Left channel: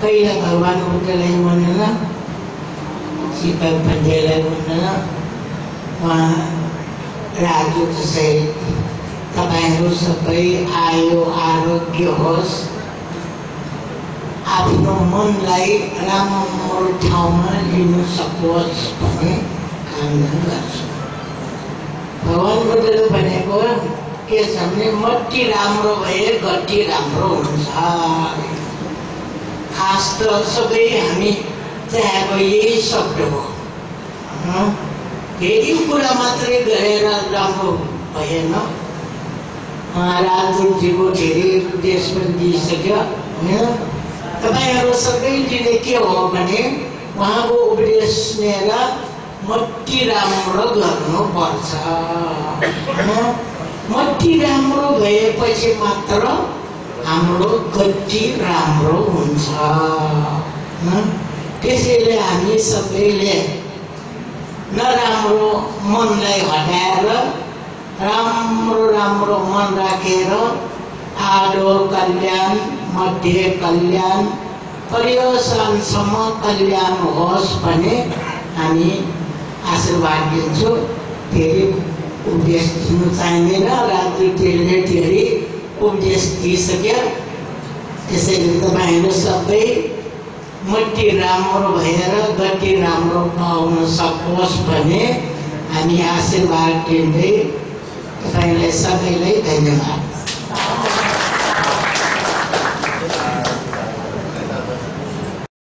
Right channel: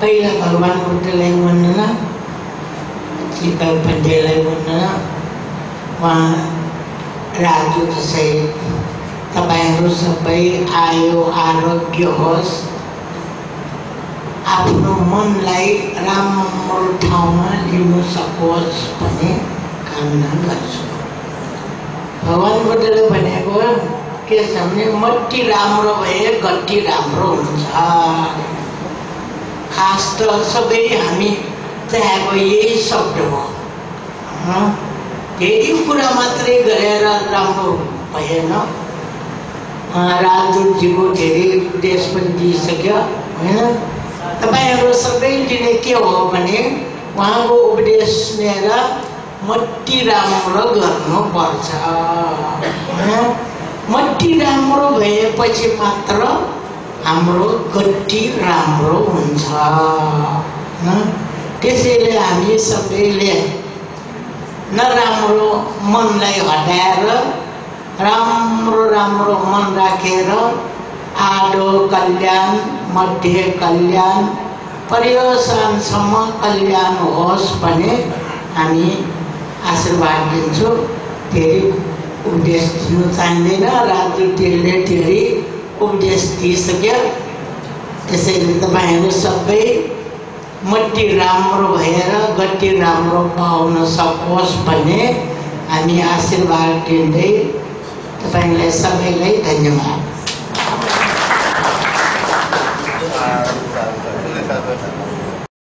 पहिला भगवान बुद्धलाई भन्दैन, शीतल पण्डेलाई भन्दैन, उहाँ राजदूत सहित तपाईहरु सबै आयु आरोग्य होस्, आफ्नो मनलाई राम्रो ठाउँमा लिनु सकोस् भन्ने कामना गर्छु। भगवान बुद्धले भनेको के छ भने मट्टी राम्रो भए गट्टी राम्रो हुन्छ। खास त सबै हामी चाहेको यही शब्द हो। धेरै कुरा मात्रै गरेर राम्रो भएन। राजदूतजीको धेरै उपदेश पनि दिइसक्यो होइन। तपाईहरु सबैले के हो भने उहाँको उपदेश लिएर मट्टी राम्रो गर्नुपर्छ। मट्टी राम्रो भएपछि मात्र हाम्रो गट्टी राम्रो हुन्छ। त्यसैले हामी सबैले नराम्रो मनलाई हटाएर राम्रो राम्रो मन राखेर आडो कल्याण, मध्य कल्याण, पर्यवसानसम्म कल्याण होस् भने हामी आशीर्वाद दिन्छौँ। फेरि उपदेश दिनु चाहिँदैन, राजदूतले धेरै उपदेश दिइसक्यो। त्यसैले तपाईहरु सबै मट्टी राम्रो भएर गट्टी राम्रो पाउन सकोस् भने हामी आशीर्वाद दिँदै तपाईलाई सबैलाई धन्यवाद।